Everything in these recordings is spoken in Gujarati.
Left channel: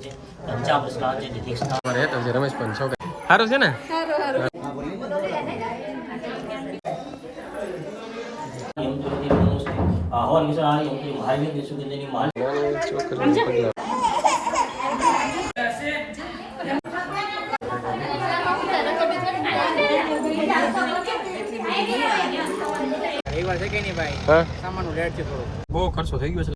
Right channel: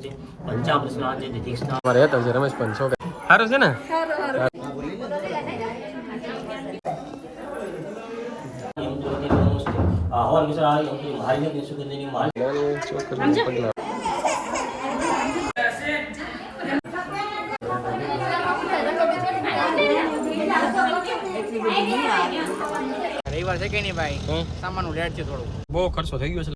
નમસ્તે પંચામૃત સ્નાન છે દીક્ષા મારે તો રમેશ પણ છો સારું છે ને આહવાન વિશાળ યંત્રી મહાલિની સુગંધની માલ છોકરી પગલા બહુ ખર્ચો થઈ ગયો છે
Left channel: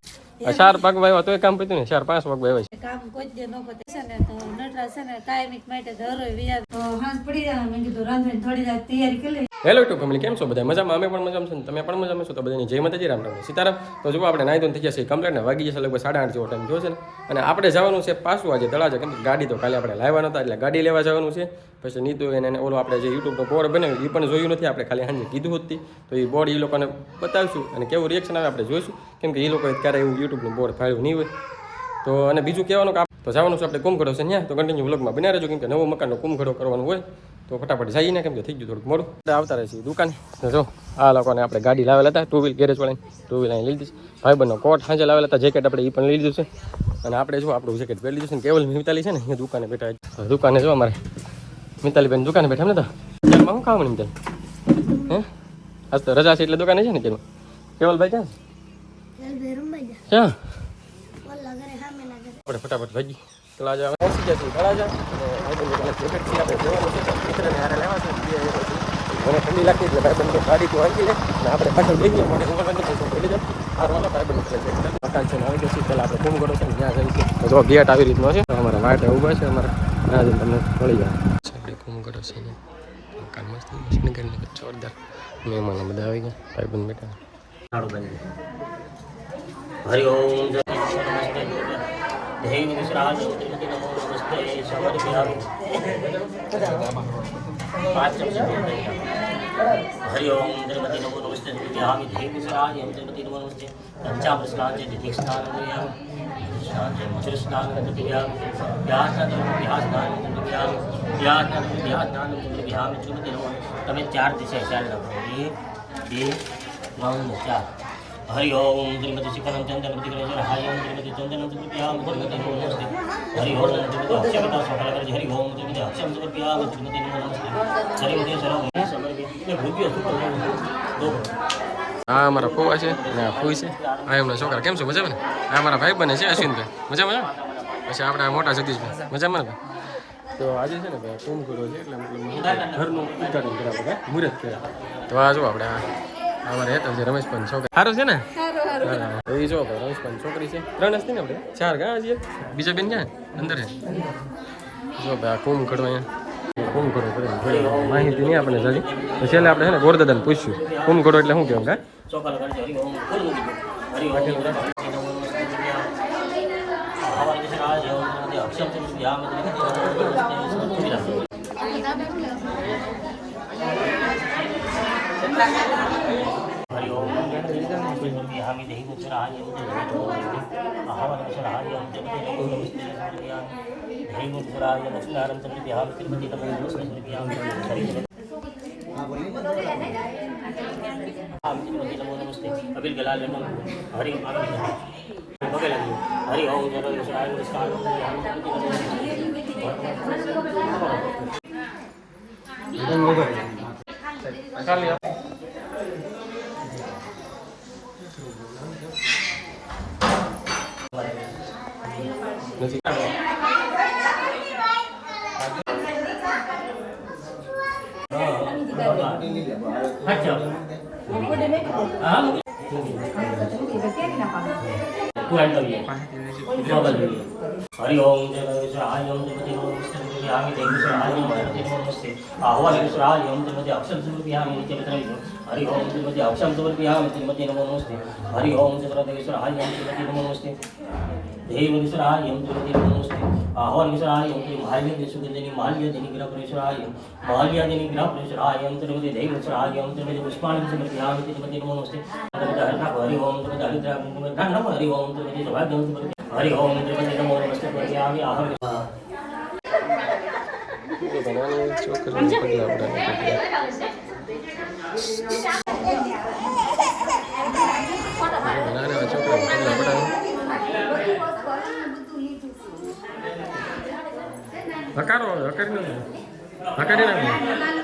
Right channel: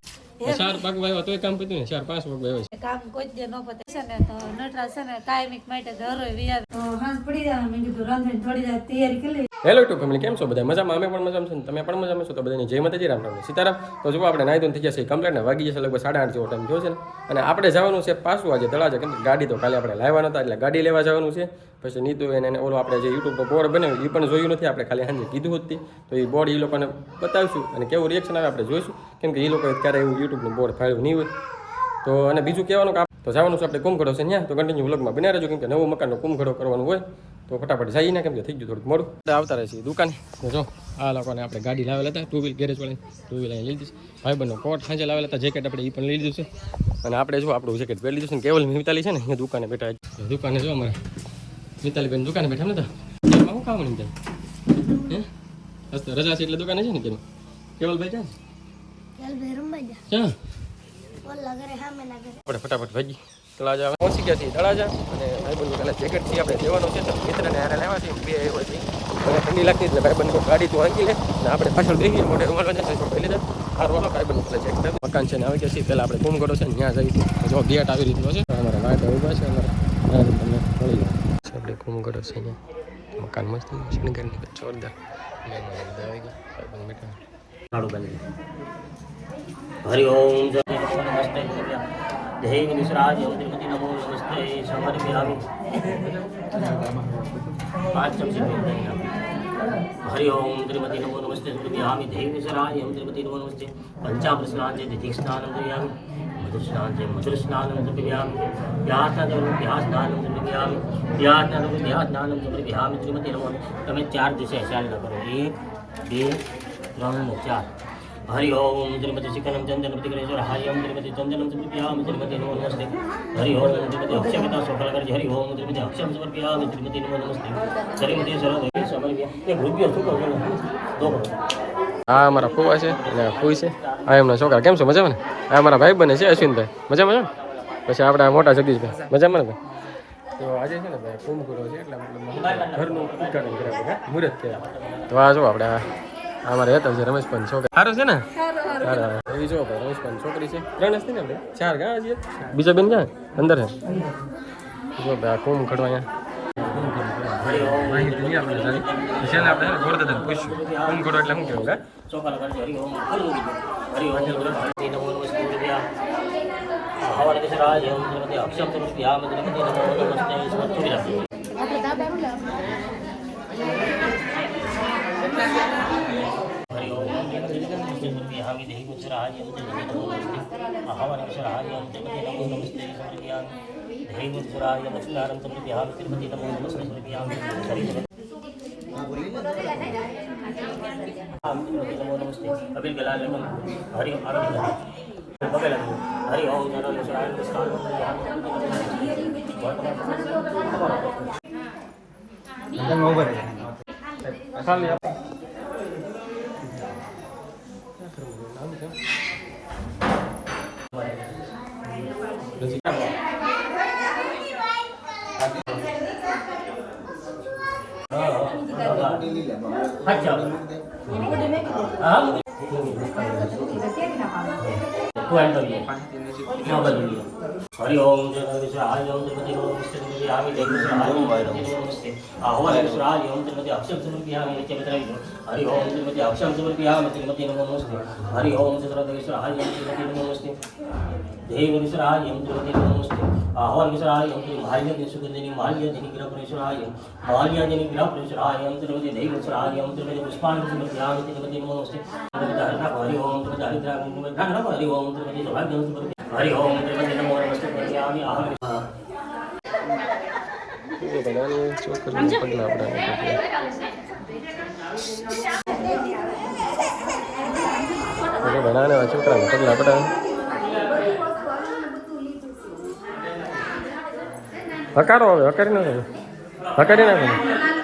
4 પગ વાવ્યો તો કામ પત્યું ને 4-5 પગ વાવ્યો છે કામ કોઈ દે ન પતે છે ને તો નટરા છે ને કાયમિક માટે ઘરો વ્યાજ તો હાંસ પડી જાય મેં કીધું રાંધવાની થોડી વાર તૈયારી કરી લે હેલો યુટ્યુબ ફેમિલી કેમ છો બધા મજામાં અમે પણ મજામાં છો તમે પણ મજામાં છો તો બધાની જય માતાજી રામ રામ સીતારામ તો જો આપણે નાઈ ધોઈને થઈ ગયા છે કમ્પ્લીટ ને વાગી જશે લગભગ 8:30 જેવો ટાઈમ થયો છે ને અને આપણે જવાનું છે પાછું આજે તળાજા કેમ કે ગાડી તો કાલે આપણે લાવવાનો હતા એટલે ગાડી લેવા જવાનું છે પછી નીતુ એને ઓલો આપણે જે યુટ્યુબનો બોર્ડ બનાવ્યું એ પણ જોયું નથી આપણે ખાલી સાંજે કીધું હતી તો એ બોર્ડ એ લોકોને બતાવીશું અને કેવું રિએક્શન આવે આપણે જોઈશું કેમ કે એ લોકોએ ક્યારે એવું યુટ્યુબનું બોર્ડ ફાળ્યું નહીં હોય તો અને બીજું કહેવાનું કે તો જવાનું છે આપણે કુંભઘડો છે ત્યાં તો કન્ટિન્યુ વ્લોગમાં બના રહેજો કેમ કે નવો મકાનનો કુંભઘડો કરવાનું હોય તો ફટાફટ જઈએ ને કેમ કે થઈ ગયું થોડુંક મોડું આવતા રહે છે દુકાને જો આ લોકોને આપણે ગાડી લાવેલા હતા 2 વ્હીલ ગેરેજ વાળાને 2 વ્હીલ અહીં લઈ દીધી ભાઈબંધનો કોટ સાંજે લાવેલા હતા જેકેટ આપણે એ પણ લઈ લીધું છે અને આપણે જો આપણું જેકેટ પહેરી લીધું છે ને કેવલ મિતાલી છે ને અહીંયા દુકાને બેઠા દુકાને જો અમારે મિતાલીબેન દુકાને બેઠા ને તો શું ખાવાનું મિતાલી હે આજ તો રજા છે એટલે દુકાને છે ને તેમાં કેવલભાઈ ક્યાં આપણે ફટાફટ ભાગી તળાજા પહોંચી ગયા છીએ તળાજા અને ભાઈબંધ કાલે જેકેટ થી આપણે જવાનું છે મિત્રને હારે લેવા છે બે અને ઠંડી લાગતી એટલે ભાઈબંધ તો ગાડી તો હાંકી લે અને આપણે પાછળ બેસી ગયા મોઢે રૂમાલ નથી લઈ લીધા આ રોલો ભાઈબંધ એટલે જેકેટ મકાન છે ને આવી ગયા છીએ પહેલાં આપણે કુંભઘડો છે ને ત્યાં જઈશું જો ગેટ આવી રીતનો છે અમારા વાટ ઊભા છે અમારા ત્યાં જઈને તમને મળી જાય આપણે કુંભઘડો છે અહીંયા મકાન મસ્ત શણગારની જોરદાર મહેમાન બધા આવી ગયા ભાઈબંધ બેઠા નાડુ બની હરિ ઓમ નમસ્તે દેવ વિશ્રાજ યંત્રી નમો નમસ્તે સમર્પયામિ હરિ ઓમ ત્રિમતી નમો નમસ્તે સમર્પયામિ દેવ વિશ્રાજ યંત્રી નમો નમસ્તે પંચામૃત સ્નાન છે દીક્ષા સ્નાન સ્નાન છે મધુર સ્નાન સમર્પયામિ વ્યાસ સ્નાન સમર્પયામિ વ્યાસ સ્નાન સમર્પયામિ ત્રિમતી નમો તમે 4 દિવસે ચાલ કરો 1 2 3 4 हरि ओम त्रिमति शिखरम चंदनमति कलेश्वर हरि ओम त्रिमति चंदनम समर्पयामि त्रिमति नमो नमस्ते हरि ओम त्रिमति अक्षमता सफल कर हरि ओम त्रिमति अक्षम समर्पयामि त्रिमति नमो नमस्ते त्रिमति सर्व समर्पय ये भूज्य सुख दो આ અમારા ફુવા છે અને ફુઈ છે આ એમના છોકરા કેમ છો મજામાં ને આ અમારા ભાઈ બને છે અશ્વિનભાઈ મજામાં ને પછી આપણા મોટા જગદીશભાઈ મજામાં ને ભાઈ તો આજે છે ને ભાઈ કુંભઘડો છે એટલે મતલબ ઘરનું ઉદઘાટન કર્યા બધા મુહૂર્ત કર્યા તો આ જો આપણે અમારે હતા છે રમેશ પણ છોકરી સારું છે ને એ જો ભાઈ રમેશ પણ છોકરી છે 3 હસ્તી ને આપણે 4 ગા છીએ બીજા બેન ક્યાં અંદર છે જો ભાઈ આ કુંભઘડો અહીંયા કુંભઘડો માહિતી નહીં આપણે જલ્દી છેલ્લે આપણે છે ને ગોરદાદાને પૂછ્યું કુંભઘડો એટલે શું કહેવાય ચોખા લગાડજો હરિ ઓમ હરિ ઓમ આહવાન વિશ્રાજ યંત્રી અક્ષમ સમર્પયામિ ત્રિમતી નમો નમસ્તે સમર્પયામિ हरि ओम समर्पयामि देहि मुद्राय आह्वान विश्राय त्रिमति नमो नमस्ते समर्पयामि देहि मुद्राय नमस्कारं समर्पयामि त्रिमति नमो नमस्ते समर्पयामि त्रिमति नमो नमस्ते अबिल गला लेमन हरि ओम बगल हरि ओम जनो विश्राय नमस्कारं खाली हरि ओम जय विश्राय ओम त्रिमति नमो नमस्ते समर्पयामि देहि विश्राय ओम त्रिमति नमो नमस्ते आह्वान विश्राय ओम त्रिमति अक्षम समर्पयामि हरि ओम त्रिमति अक्षम समर्पयामि त्रिमति नमो नमस्ते हरि ओम चतुर्थ विश्राय ओम त्रिमति नमो नमस्ते देव विश्राय ओम त्रिमति नमो नमस्ते आह्वान विश्राय ओम माल्यदेव सुगंधिनी माल्यदेवी ग्रह विश्राय माल्यदेवी ग्रह विश्राय ओम त्रिमति देव विश्राय ओम त्रिमति पुष्पाणि समर्पयामि त्रिमति नमो नमस्ते हरि ओम त्रिमति हरिद्रा हरि ओम त्रिमति सौभाग्यं हरि ओम त्रिमति नमो नमस्ते समर्पयामि अहं તો બનાની છોકરીને પગલા પડાવે બનાને છોકરાને પગલા પડાવે હકારો હવે હકારી નાખો હકારી નાખો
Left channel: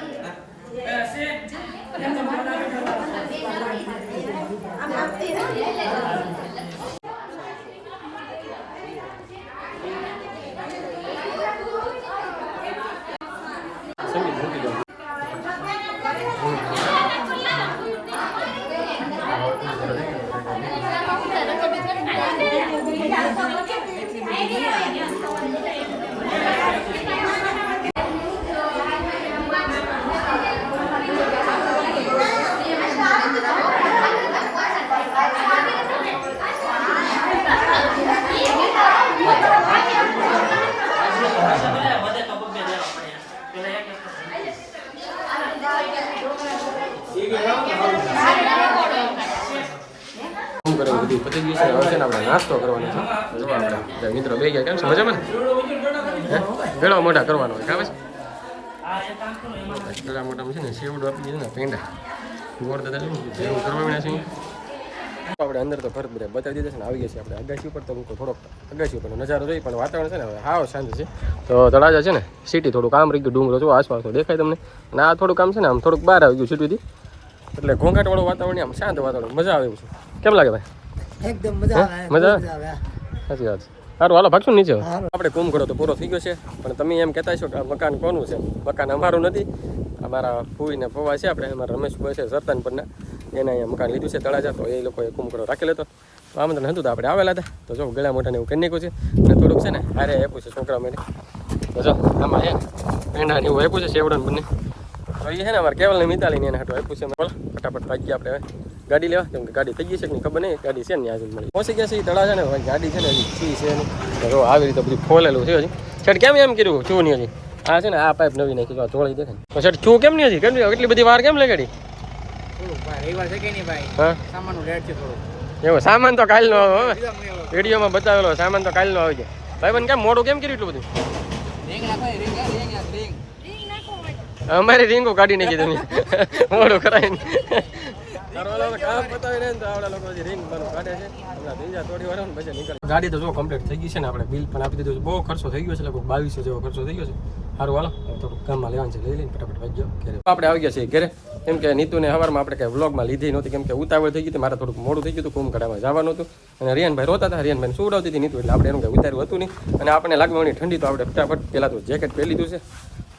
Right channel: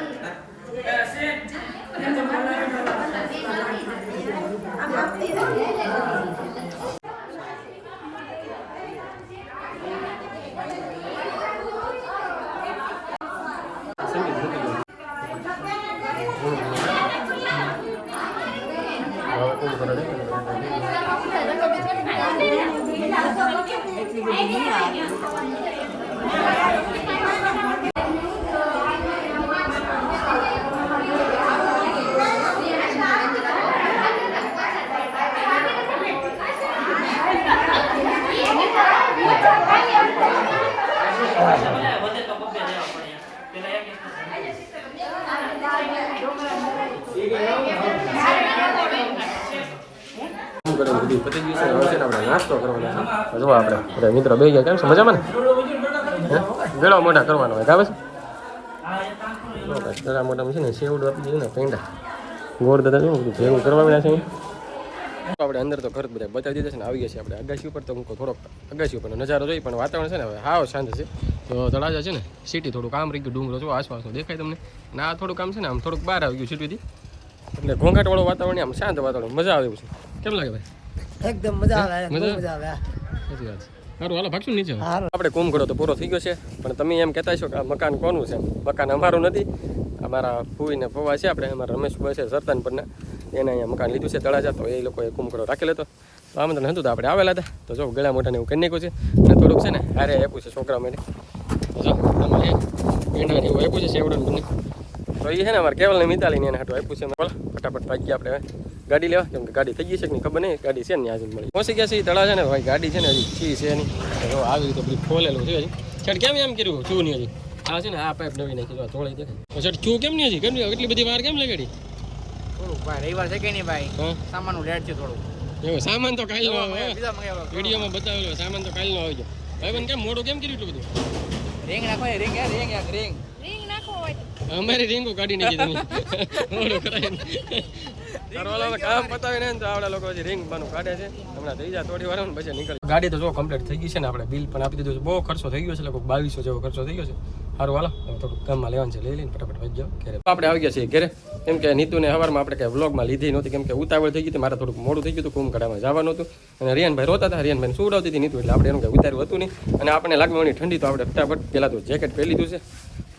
પતી ગયું છે હવે છે ને આપણે નાસ્તો કરવાનો છે જો આપણે મિત્રો બે ગયા કેમ છે મજામાં ને હે ગળા મોઢા કરવાનો હોય કાવે છે ગળા મોઢામાં છે ને સેવડું આપી દીધું ને પેંડા ગોળ દાદા શું ભેગું કરવા મળ્યા છે આપણે અંદર તો ઘર બધા બતાવી દીધા છે ને આવી ગયા છે આપણે અગાસી ઉપર તો મૂકો થોડોક અગાસી ઉપર નજારો જોઈ પણ વાતાવરણ છે ને હવે હાવ શાંત છે તો તળાજા છે ને સિટી થોડું કામ રહી ગયું ડુંગરો જો આસપાસ દેખાય તમને અને આ થોડું કામ છે ને આમ થોડુંક બહાર આવી ગયું સિટીથી એટલે ઘોંઘાટવાળું વાતાવરણ આમ શાંત વાતાવરણ મજા આવે એવું છે કેમ લાગે ભાઈ એકદમ મજા આવે મજા સાચી વાત સારું હાલો ભાગશું નીચે આપણે કુંભકળો તો પૂરો થઈ ગયો છે પણ તમે એમ કહેતા છો કે આ મકાન કોનું છે મકાન અમારું નથી અમારા ફૂઈને ફોવા છે આપણે અમારા રમેશભાઈ છે સરતાનપરના એને અહીંયા મકાન લીધું છે તળાજા તો એ લોકોએ કુંભકળો રાખેલો હતો તો આમંત્રણ હતું તો આપણે આવેલા હતા તો જો ગળા મોઢાને એવું કરી નાખ્યું છે અને થોડુંક છે ને હારે આપ્યું છે છોકરા માટે તો જો આમાં છે પેંડાને એવું આપ્યું છે સેવડાને બંને તો એ છે ને અમારે કેવલને મિતાલીને એને હાટું આપ્યું છે બોલો ફટાફટ ભાગીએ આપણે ગાડી લેવા કેમ કે ગાડી થઈ ગઈ છે કે નહીં ખબર નહીં ગાડી છે ને આજે મળી પહોંચી ગયા છે એ તળા છે ને ભાઈ ગાડી છે ને હજી ચી છે નહીં તો આવી રીતે બધું ખોલેલું છે હજી છેડ કેમ એમ કર્યું છું નહીં હજી આ છે ને આ પાઇપ નવી નાખી જોડી દેખાય તો છેડ છું કેમ નહીં હજી કેમ એટલી બધી વાર કેમ લગાડી હા એવું સામાન તો કાલનો આવે વિડીયોમાં બતાવેલો સામાન તો કાલનો આવી ગયો ભાઈ બન કેમ મોડું કેમ કર્યું એટલું બધું અમારી રીંગો કાઢી નાખી તમે મોડું કરાવીને કામ પતાવીને તો આપણા લોકો હજી રીંગ માનું કાઢે છે હમણાં થઈ જાય થોડી વાર પછી નીકળે ગાડી તો જો કમ્પ્લીટ થઈ ગઈ છે ને આપણે બિલ પણ આપી દીધું છે બહુ ખર્ચો થઈ ગયો છે લગભગ 2200 જેવો ખર્ચો થઈ ગયો છે સારું હાલો થોડુંક કામમાં લેવાનું છે લઈ લઈને ફટાફટ વાગી જાઓ ઘરે આપણે આવી ગયા છીએ ઘરે કેમ કે નીતુને સવારમાં આપણે કંઈ વ્લોગમાં લીધી નહોતી કેમ કે ઉતાવળ થઈ ગઈ હતી મારે થોડુંક મોડું થઈ ગયું હતું કુંભકળામાં જવાનું હતું અને રિયાનભાઈ રોતા હતા રિયાનભાઈને સુવડાવતી હતી નીતુ એટલે આપણે એનું કંઈ ઉતાર્યું હતું નહીં અને આપણે લાગવાની ઠંડી તો આપણે ફટાફટ પહેલાં તો જેકેટ પહેરી લીધું છે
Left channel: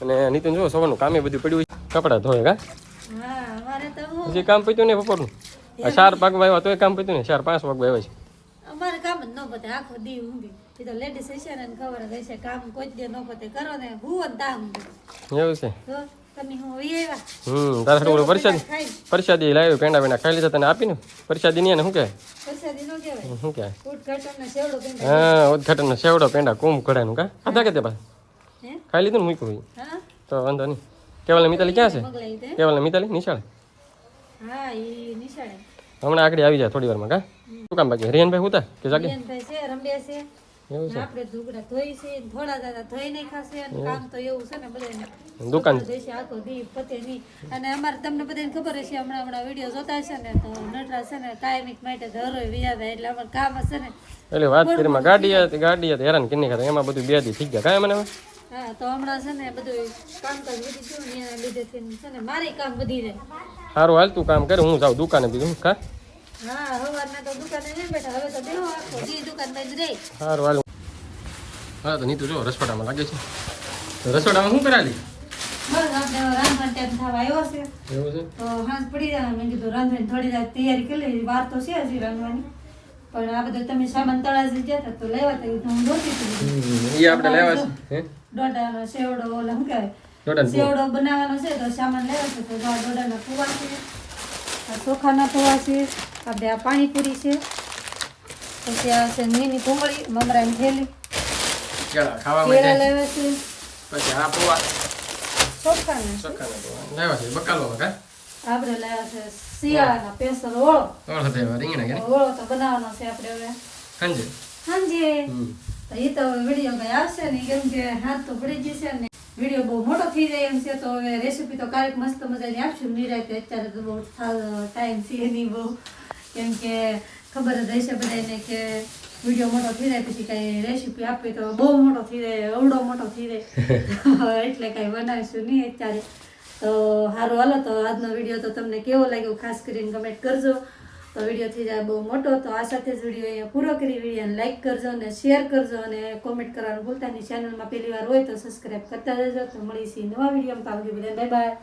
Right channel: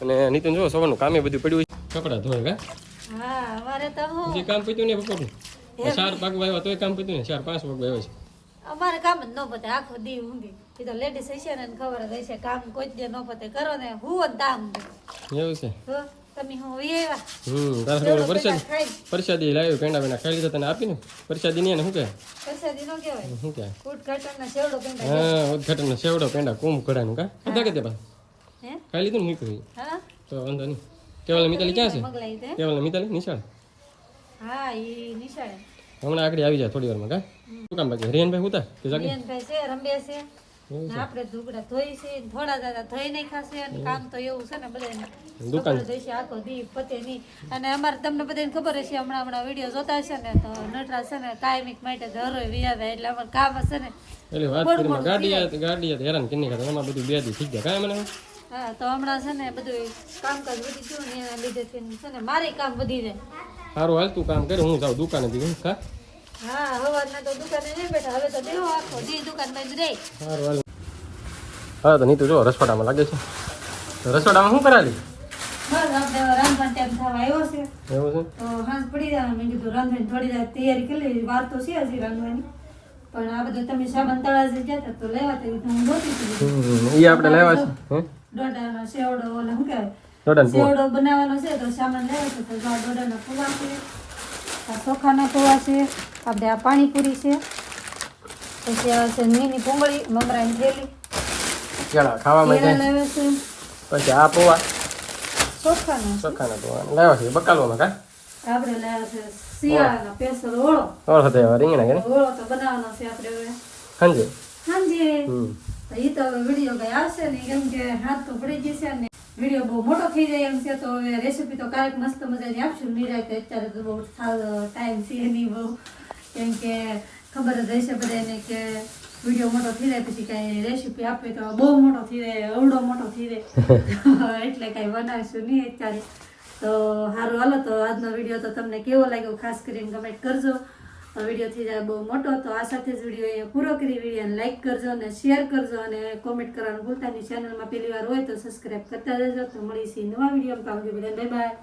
અને નીતુને જો સવારનું કામે બધું પડ્યું કપડાં ધોય કા હજી કામ પીતું નહીં બપોરનું 4 વાગવા આવ્યા તોય કામ પીતું ને 4-5 વાગવા આવ્યા છે અમારે કામ જ ન પતે આખો દી ઊંઘી એ તો લેડીઝ હશે ને ખબર જ હશે કામ કોઈ દે ન પતે કરો ને હું તામ એવું છે તો તમે હું આવ્યા તારા થોડું પરસાદી લાવ્યું પેંડા ખાઈ લીધા તને આપીને પરસાદી નહીં ને શું કહેવાય પરસાદી નો કહેવાય શું કહેવાય ઉદઘાટનનો સેવડો પેંડા હા ઉદઘાટનનો સેવડો પેંડા કુંભકળાનું કા ખાધા કે તે પાસે હે ખાઈ લીધું ને મૂક્યું હા તો વાંધો નહીં કેવલ મિતાલી ક્યાં છે મગલાઈ દે કેવલ મિતાલી નિશાળ હા ઈ નિશાળે હમણાં આગળ આવી જાય થોડી વારમાં કા શું કામ બાકી રિયાનભાઈ ઉતા કે જાગે બેનભાઈ છે રંબે છે એવું છે આપણે ઢુકડા ધોઈ છે થોડા દાદા ધોઈ નહીં ખાશે અને કામ તો એવું છે ને બધાને દુકાન જોઈશે આખો દી પતે નહીં અને અમારે તમને બધાને ખબર હશે હમણાં વિડીયો જોતા હશે ને તો નટરાજ છે ને કાયમિક માટે ધરોય વિયાદા એટલે અમારે કામ હશે ને એટલે વાત કરીમાં ગાડી હેરાન કિન્ની કરે એમાં બધું બે દી થઈ ગયા કાંઈ મને હા તો હમણાં છે ને બધું કામકાજ વધી ગયું ને એના લીધે છે ને મારે કામ વધી જાય સારું હાલ તું કામ કરે હું જાઉં દુકાને બીજું કા હા સવારના તો દુકાને નહીં બેઠા હવે તો બેહો આખો દી દુકાનમાં જ રહી સારું હાલ હા તો નીતુ જો રસોડામાં લાગે છે તો રસોડામાં શું કરાવી બસ આપણે રાંધવાનો ટાઈમ થવા આવ્યો છે એવું છે તો હાંસ પડી જાય મેં કીધું રાંધવાની થોડી વાર તૈયારી કરી લીધી વાર તો છે હજી રાંધવાની પણ આ બધું તમે સામાન તળાજી જતા તો લેવા તો હું નહોતી એ આપણે લેવા છે દોડાનો સેવડો ઓલા શું કહેવાય દોડાનો સેવડો બનાવવાનો છે તો સામાન લેવા છે તો દોડાના પૂવા છે આ ચોખાના પૂવા છે આપણે આ પાણીપુરી છે પછી આ છે નીની ભૂંગળી મમરાની થેલી કેળા ખાવા માટે લેવા છે પછી આ પોવા ચોખાના ચોખાના પોવા લેવા છે બકાલવામાં કા આપણે લાવ્યા છે શિયાળાના પેસર ઓળો ઓળખો તે રીંગણા કે ઓળો તો બનાવવાનો છે આપણે હવે હાંજે હાંજે એ તો વિડીયો કઈ આવશે ને કેમ કે હાથ તો પડી જશે ને વિડીયો બહુ મોટો થઈ જાય એમ છે તો હવે રેસીપી તો ક્યારેક મસ્ત મજાની આપશું નિરાતે અત્યારે તો બહુ ટાઈમ છે નહીં બહુ કેમ કે ખબર જ હશે બધાને કે વિડીયો મોટો થઈ જાય પછી કઈ રેસીપી આપવી તો બહુ મોટો થઈ જાય અવડો મોટો થઈ જાય એટલે કઈ બનાવીશું નહીં અત્યારે. તો સારું હાલો, તો આજનો વિડીયો તો તમને કેવો લાગ્યો ખાસ કરીને કમેન્ટ કરજો. તો વિડીયો થઈ જાય બહુ મોટો, તો આ સાથે જ વિડીયો અહીંયા પૂરો કરી. વિડીયોને લાઈક કરજો અને શેર કરજો અને કોમેન્ટ કરવાનું ભૂલતા નહીં. ચેનલમાં પહેલી વાર હોય તો સબસ્ક્રાઈબ કરતા જજો. તો મળીશું નવા વિડીયોમાં. Bye bye.